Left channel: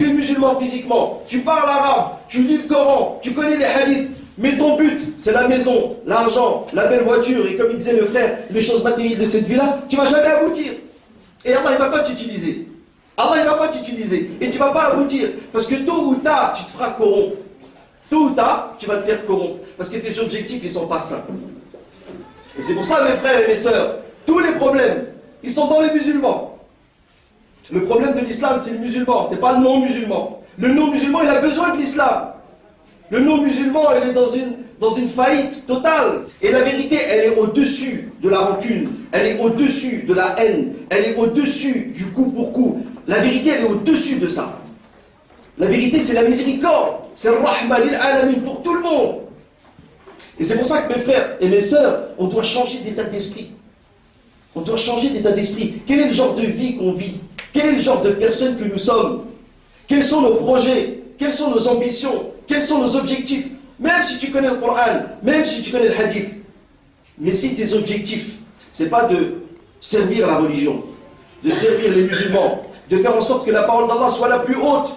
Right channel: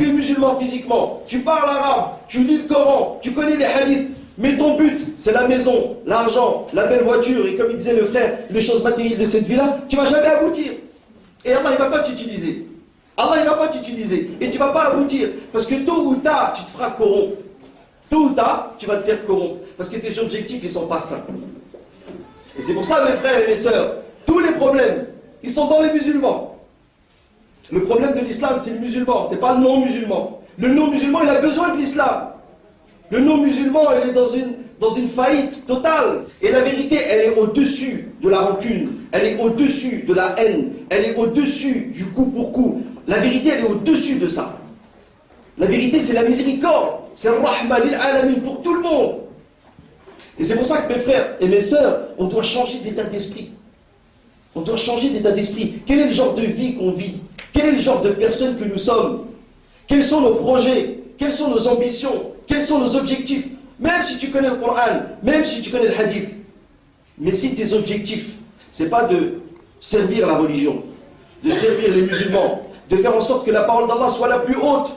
Tu es musulman physiquement, tu parles arabe, tu lis le Coran, tu connais les hadiths, mais ton but, c'est la maison, l'argent, la belle voiture, et comme il disait le frère, les choses matérielles de cette vie-là, tu ne vas jamais aboutir. Et Allah, il ne va pas t'utiliser. Allah, il ne va pas t'utiliser. Et tu ne vas pas aboutir. Parce que tôt ou tard, tu te feras corrompre. Tôt ou tard, tu vas te faire corrompre. Parce que tes objectifs, ils ne sont pas sains. Et c'est pour ça, mes frères et mes sœurs, tous les problèmes, ils sont dans les musulmans. Le problème de l'islam, c'est le musulman, c'est pas le non-musulman. Le non-musulman, il a besoin de l'islam. Le non-musulman, il est dans une faillite totale. Et la vérité, elle est au-dessus de la rancune. Elle est au-dessus de la haine. Elle est au-dessus du coup pour coup. La vérité, elle est au-dessus de ça. La vérité, c'est la miséricorde. C'est le rahma lil alamin pour tout le monde. Et c'est pour ça que mes frères et mes sœurs, on doit changer d'état d'esprit. On doit changer d'état d'esprit. Quel est le genre de vie qu'on vit? Quel est le genre de personne que nous sommes? Quels sont nos projets? Quelles sont nos ambitions? Quels sont nos objectifs? Même si tu connais le Coran, même si tu connais le hadith. Mais si tes objectifs, ce n'est pas de servir la religion, de servir les musulmans, de faire en sorte que la parole d'Allah soit la plus haute.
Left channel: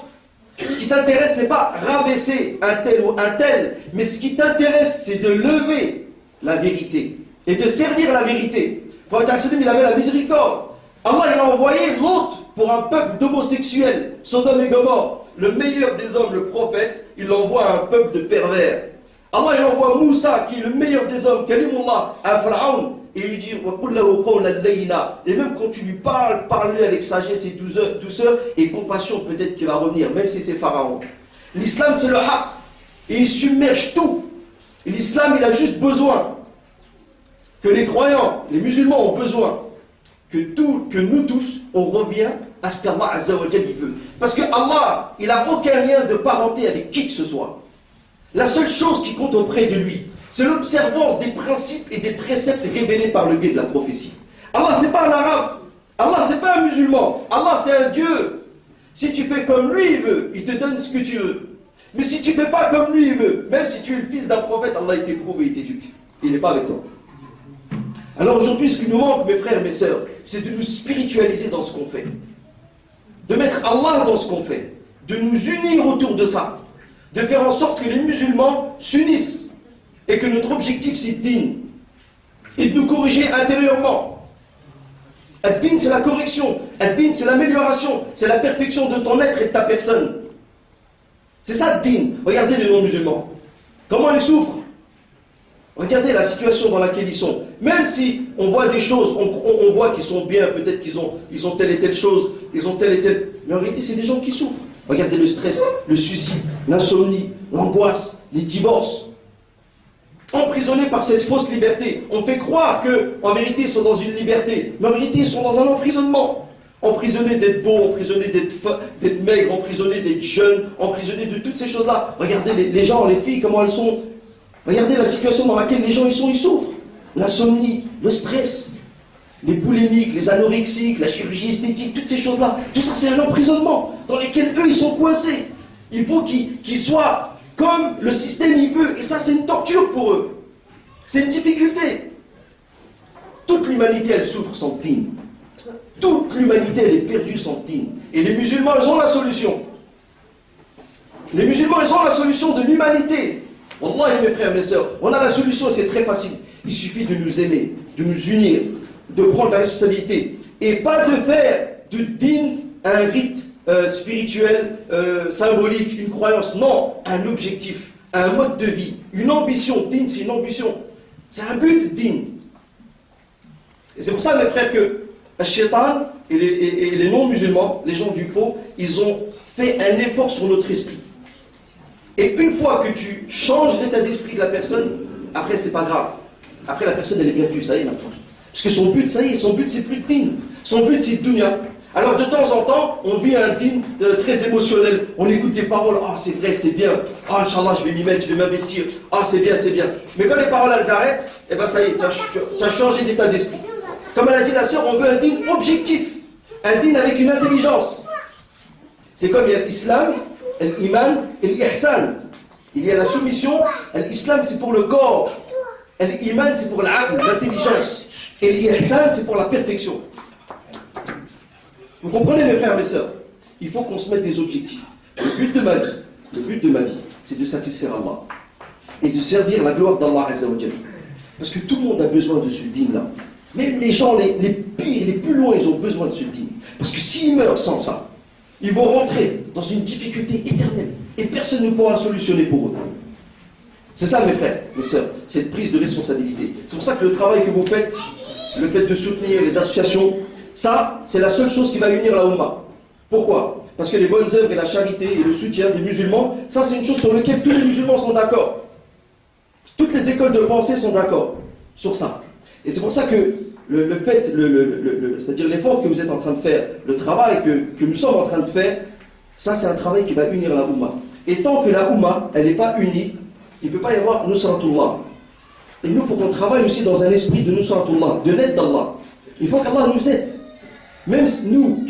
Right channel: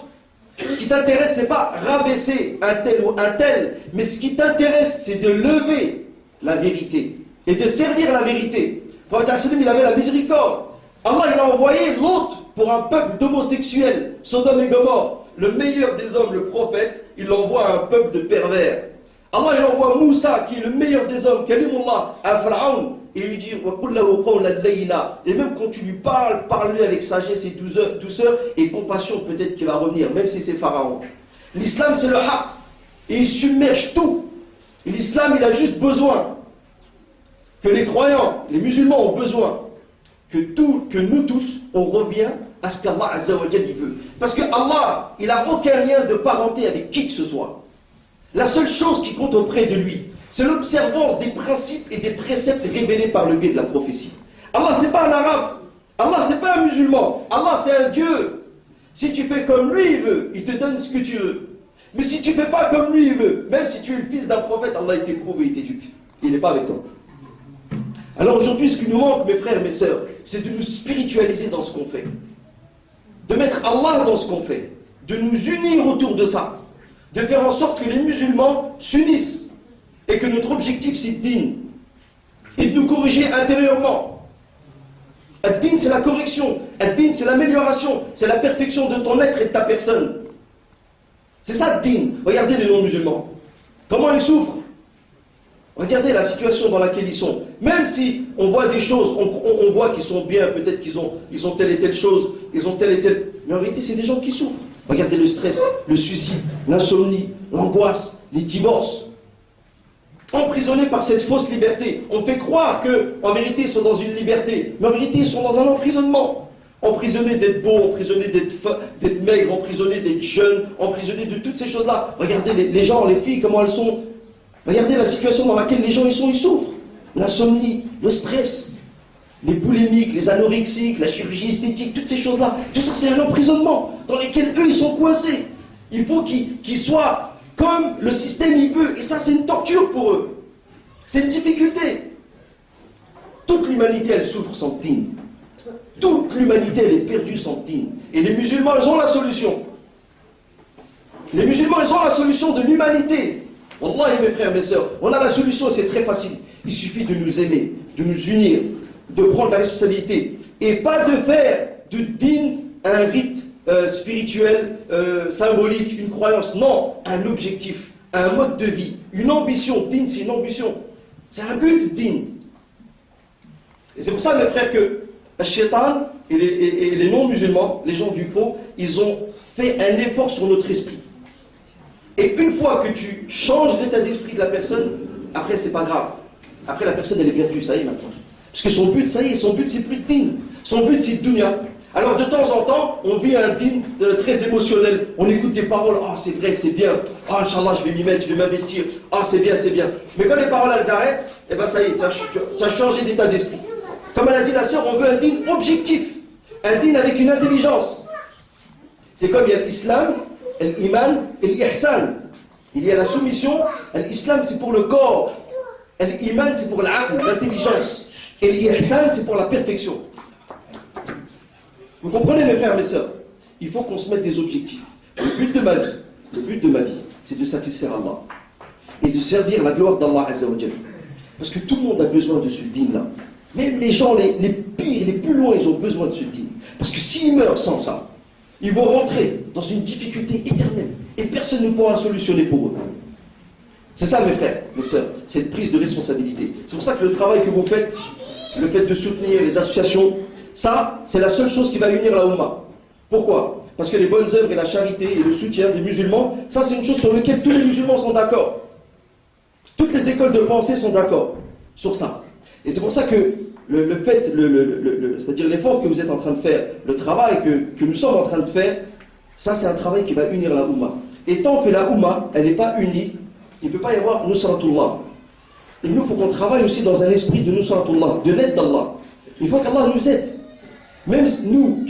Ce qui t'intéresse, ce n'est pas rabaisser un tel ou un tel, mais ce qui t'intéresse, c'est de lever la vérité et de servir la vérité. Le prophète il avait la miséricorde. Allah il a envoyé l'autre pour un peuple d'homosexuels, Sodome et Gomorrhe. Le meilleur des hommes, le prophète, il l'envoie à un peuple de pervers. Allah il envoie Moussa, qui est le meilleur des hommes, Kalimullah, à Pharaon, et il lui dit et même quand tu lui parles, parle-lui avec sagesse et douceur et compassion, peut-être qu'il va revenir, même si c'est Pharaon. L'islam c'est le haqq, et il submerge tout. L'islam il a juste besoin que les croyants, les musulmans ont besoin que nous tous, on revient à ce qu'Allah Azza wa Jalla veut. Parce que Allah, il n'a aucun lien de parenté avec qui que ce soit. La seule chose qui compte auprès de lui, c'est l'observance des principes et des préceptes révélés par le biais de la prophétie. Allah, c'est pas un arabe. Allah, c'est pas un musulman. Allah, c'est un Dieu. Si tu fais comme lui, il veut, il te donne ce que tu veux. Mais si tu fais pas comme lui, il veut, même si tu es le fils d'un prophète, Allah, il t'éprouve et il t'éduque. Il n'est pas avec toi. Alors aujourd'hui, ce qui nous manque, mes frères et mes sœurs, c'est de nous spiritualiser dans ce qu'on fait. De mettre Allah dans ce qu'on fait. De nous unir autour de ça. De faire en sorte que les musulmans s'unissent. Et que notre objectif, c'est din. Et de nous corriger intérieurement. Ad-din, c'est la correction. Ad-din, c'est l'amélioration. C'est la perfection de ton être et de ta personne. C'est ça, ad-din. Regardez les non-musulmans. Comment ils souffrent. Regardez la situation dans laquelle ils sont. Même si on voit des choses, on voit qu'ils sont bien, peut-être qu'ils ont telle et telle chose, ils ont telle et telle... Mais en réalité, c'est des gens qui souffrent. Regardez le stress, le suicide, l'insomnie, l'angoisse, les divorces. Emprisonnés par cette fausse liberté. On fait croire qu'en vérité, ils sont dans une liberté. Mais en vérité, ils sont dans un emprisonnement. Emprisonnés d'être beaux, emprisonnés d'être maigres, emprisonnés d'être jeunes, emprisonnés de toutes ces choses-là. Regardez les gens, les filles, comment elles sont... Regardez la situation dans laquelle les gens ils souffrent. L'insomnie, le stress, les boulimiques, les anorexiques, la chirurgie esthétique, toutes ces choses-là. Tout ça, c'est un emprisonnement dans lequel eux, ils sont coincés. Il faut qu'ils soient comme le système il veut. Et ça, c'est une torture pour eux. C'est une difficulté. Toute l'humanité, elle souffre sans din. Toute l'humanité, elle est perdue sans din. Et les musulmans, ils ont la solution. Les musulmans, ils ont la solution de l'humanité. Wallah, mes frères, mes sœurs, on a la solution, c'est très facile. Il suffit de nous aimer, de nous unir, de prendre la responsabilité. Et pas de faire de din un rite spirituel, symbolique, une croyance. Non, un objectif, un mode de vie, une ambition. Din, c'est une ambition. C'est un but, din. Et c'est pour ça, mes frères, que le shaitan et les non-musulmans, les gens du faux, ils ont fait un effort sur notre esprit. Et une fois que tu changes l'état d'esprit de la personne, après c'est pas grave. Après la personne elle est perdue, ça y est maintenant. Parce que son but, ça y est, son but c'est plus de din. Son but c'est de dunya. Alors de temps en temps, on vit un din très émotionnel. On écoute des paroles, ah c'est vrai, c'est bien. Ah Inch'Allah, je vais m'y mettre, je vais m'investir. Ah c'est bien, c'est bien. Mais quand les paroles elles arrêtent, eh ben ça y est, tu as changé d'état d'esprit. Comme elle a dit la sœur, on veut un din objectif. Un din avec une intelligence. C'est comme il y a l'islam, l'iman et l'ihsan. Il y a la soumission. L'islam c'est pour le corps. L'iman c'est pour l'aql, l'intelligence. Et l'ihsan c'est pour la perfection. Vous comprenez mes frères et mes sœurs? Il faut qu'on se mette des objectifs. Le but de ma vie, c'est de satisfaire Allah et de servir la gloire d'Allah Azza wa Jal. Parce que tout le monde a besoin de ce dîn-là. Même les gens les pires, les plus loin, ils ont besoin de ce dîn. Parce que s'ils meurent sans ça, ils vont rentrer dans une difficulté éternelle et personne ne pourra solutionner pour eux. C'est ça, mes frères, mes sœurs, cette prise de responsabilité. C'est pour ça que le travail que vous faites, le fait de soutenir les associations, ça, c'est la seule chose qui va unir la Oumma. Pourquoi? Parce que les bonnes œuvres et la charité et le soutien des musulmans, ça c'est une chose sur laquelle tous les musulmans sont d'accord. Toutes les écoles de pensée sont d'accord sur ça. Et c'est pour ça que c'est-à-dire l'effort que vous êtes en train de faire, le travail que nous sommes en train de faire, ça c'est un travail qui va unir la Oumma. Et tant que la Oumma, elle n'est pas unie, il ne peut pas y avoir Nusratullah. Et nous, il faut qu'on travaille aussi dans un esprit de Nusratullah, de l'aide d'Allah. Il faut qu'Allah nous aide. Même nous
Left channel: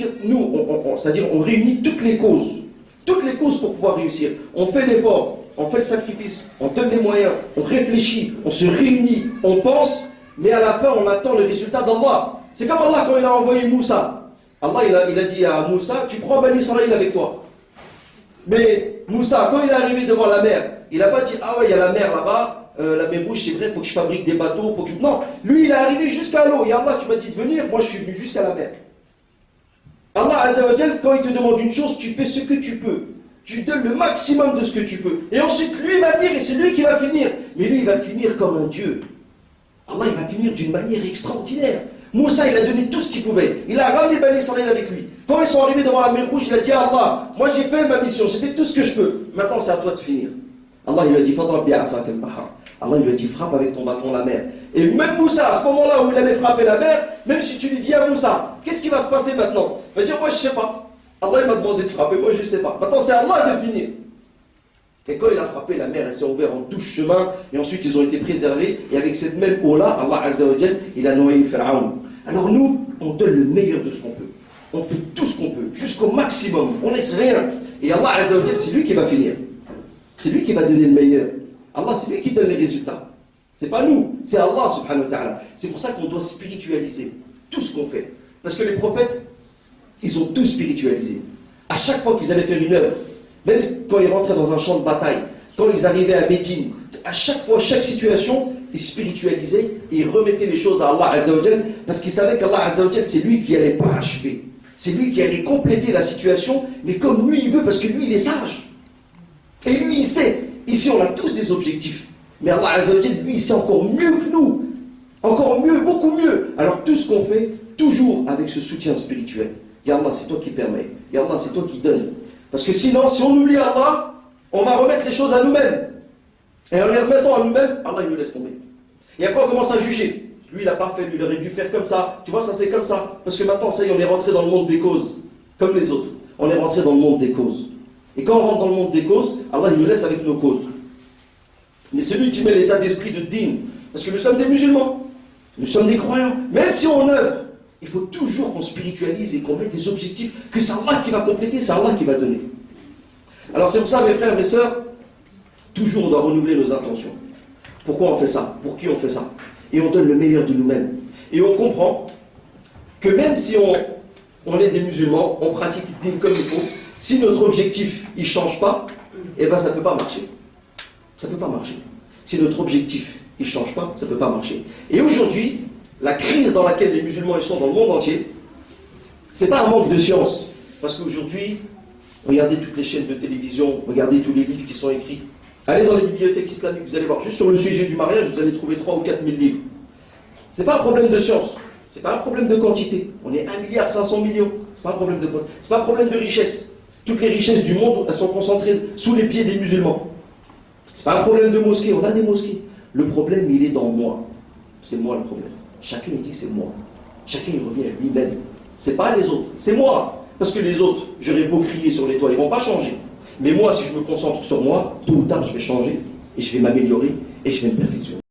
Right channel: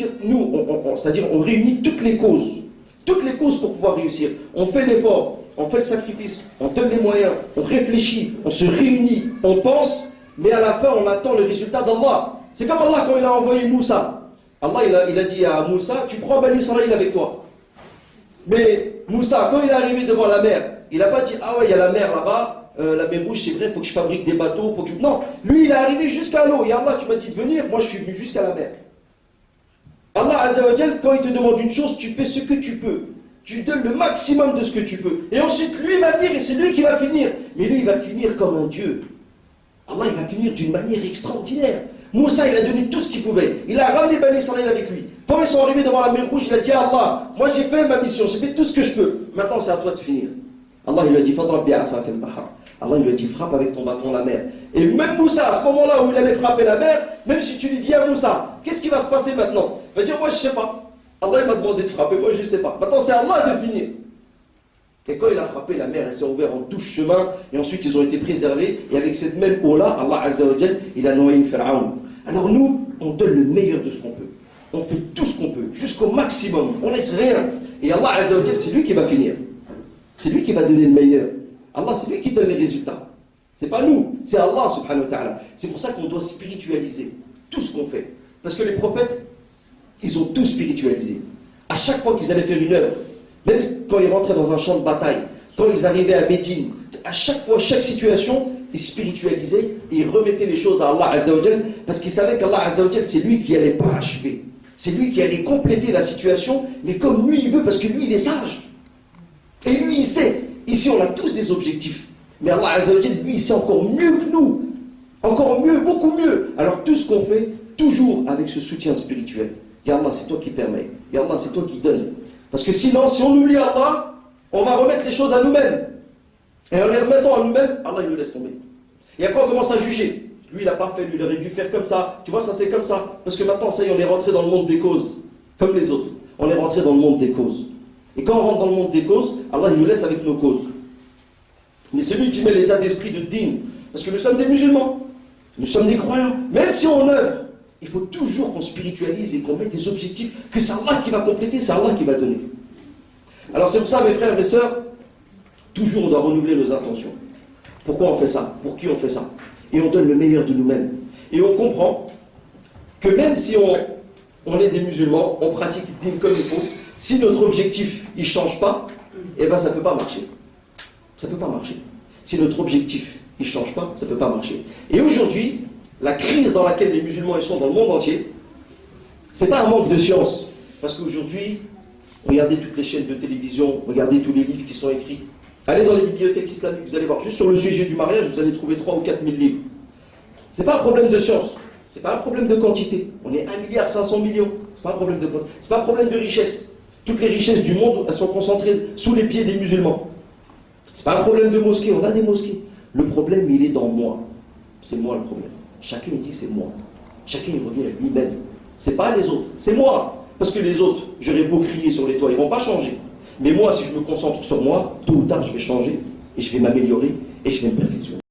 c'est-à-dire on réunit toutes les causes pour pouvoir réussir. On fait l'effort, on fait le sacrifice, on donne les moyens, on réfléchit, on se réunit, on pense, mais à la fin on attend le résultat d'Allah. C'est comme Allah quand il a envoyé Moussa. Allah il a dit à Moussa, tu prends Bani Israël avec toi. Mais Moussa, quand il est arrivé devant la mer, il n'a pas dit, ah ouais, il y a la mer là-bas, la mer rouge, c'est vrai, il faut que je fabrique des bateaux, faut que je... Non, lui il est arrivé jusqu'à l'eau. Et Allah, tu m'as dit de venir, moi je suis venu jusqu'à la mer. Allah Azza wa Jal, quand il te demande une chose, tu fais ce que tu peux. Tu donnes le maximum de ce que tu peux. Et ensuite, lui va venir et c'est lui qui va finir. Mais lui, il va finir comme un Dieu. Allah, il va finir d'une manière extraordinaire. Moussa, il a donné tout ce qu'il pouvait. Il a ramené Bani Israël avec lui. Quand ils sont arrivés devant la mer rouge, il a dit à Allah, moi j'ai fait ma mission, j'ai fait tout ce que je peux. Maintenant, c'est à toi de finir. Allah, il lui a dit, Fadrab bi'asaka al-bahar. Allah, il lui a dit, frappe avec ton bâton la mer. Et même Moussa, à ce moment-là où il allait frapper la mer, même si tu lui dis à Moussa, qu'est-ce qui va se passer maintenant? Il va dire, moi je ne sais pas. Allah, il m'a demandé de frapper, moi je ne sais pas. Maintenant, c'est à Allah de finir. Et quand il a frappé la mer, elle s'est ouverte en 12 chemins, et ensuite ils ont été préservés, et avec cette même eau-là, Allah Azza wa Jal, il a noyé Pharaon. Alors nous, on donne le meilleur de ce qu'on peut. On fait tout ce qu'on peut, jusqu'au maximum, on laisse rien. Et Allah Azza wa Jal, c'est lui qui va finir. C'est lui qui va donner le meilleur. Allah, c'est lui qui donne les résultats. C'est pas nous, c'est Allah subhanahu wa ta'ala. C'est pour ça qu'on doit spiritualiser tout ce qu'on fait. Parce que les prophètes, ils ont tout spiritualisé. À chaque fois qu'ils allaient faire une œuvre, même quand ils rentraient dans un champ de bataille, quand ils arrivaient à Médine, à chaque fois, chaque situation, ils spiritualisaient et ils remettaient les choses à Allah Azza wa Jal, parce qu'ils savaient qu'Allah Azza wa Jal, c'est lui qui allait parachever. C'est lui qui allait compléter la situation, mais comme lui il veut, parce que lui il est sage. Et lui il sait. Ici on a tous des objectifs. Mais Allah Azza wa Jal, lui il sait encore mieux que nous. Encore mieux, beaucoup mieux. Alors tout ce qu'on fait, toujours avec ce soutien spirituel. Ya Allah, c'est toi qui permets. Ya Allah, c'est toi qui donnes. Parce que sinon, si on oublie Allah, on va remettre les choses à nous-mêmes. Et en les remettant à nous-mêmes, Allah il nous laisse tomber. Et après on commence à juger. Lui il n'a pas fait, lui il aurait dû faire comme ça. Tu vois, ça c'est comme ça. Parce que maintenant, ça y est, on est rentré dans le monde des causes. Comme les autres. On est rentré dans le monde des causes. Et quand on rentre dans le monde des causes, Allah il nous laisse avec nos causes. Mais c'est lui qui met l'état d'esprit de dîn. Parce que nous sommes des musulmans. Nous sommes des croyants. Même si on œuvre, il faut toujours qu'on spiritualise et qu'on mette des objectifs, que c'est Allah qui va compléter, c'est Allah qui va donner. Alors c'est pour ça, mes frères et mes sœurs, toujours on doit renouveler nos intentions. Pourquoi on fait ça? Pour qui on fait ça? Et on donne le meilleur de nous-mêmes. Et on comprend que même si on est des musulmans, on pratique le dîn comme il faut, si notre objectif il ne change pas, eh bien ça ne peut pas marcher. Ça ne peut pas marcher. Si notre objectif il ne change pas, ça ne peut pas marcher. Et aujourd'hui, la crise dans laquelle les musulmans ils sont dans le monde entier, ce n'est pas un manque de science. Parce qu'aujourd'hui, regardez toutes les chaînes de télévision, regardez tous les livres qui sont écrits. Allez dans les bibliothèques islamiques, vous allez voir, juste sur le sujet du mariage, vous allez trouver 3 ou 4 000 livres. Ce n'est pas un problème de science, ce n'est pas un problème de quantité. On est 1,5 milliard, ce n'est pas un problème de quantité, ce n'est pas un problème de richesse. Toutes les richesses du monde, elles sont concentrées sous les pieds des musulmans. Ce n'est pas un problème de mosquée, on a des mosquées. Le problème, il est dans moi. C'est moi le problème. Chacun il dit c'est moi. Chacun il revient à lui-même. C'est pas les autres, c'est moi. Parce que les autres, j'aurais beau crier sur les toits, ils vont pas changer. Mais moi, si je me concentre sur moi, tôt ou tard, je vais changer et je vais m'améliorer et je vais me perfectionner.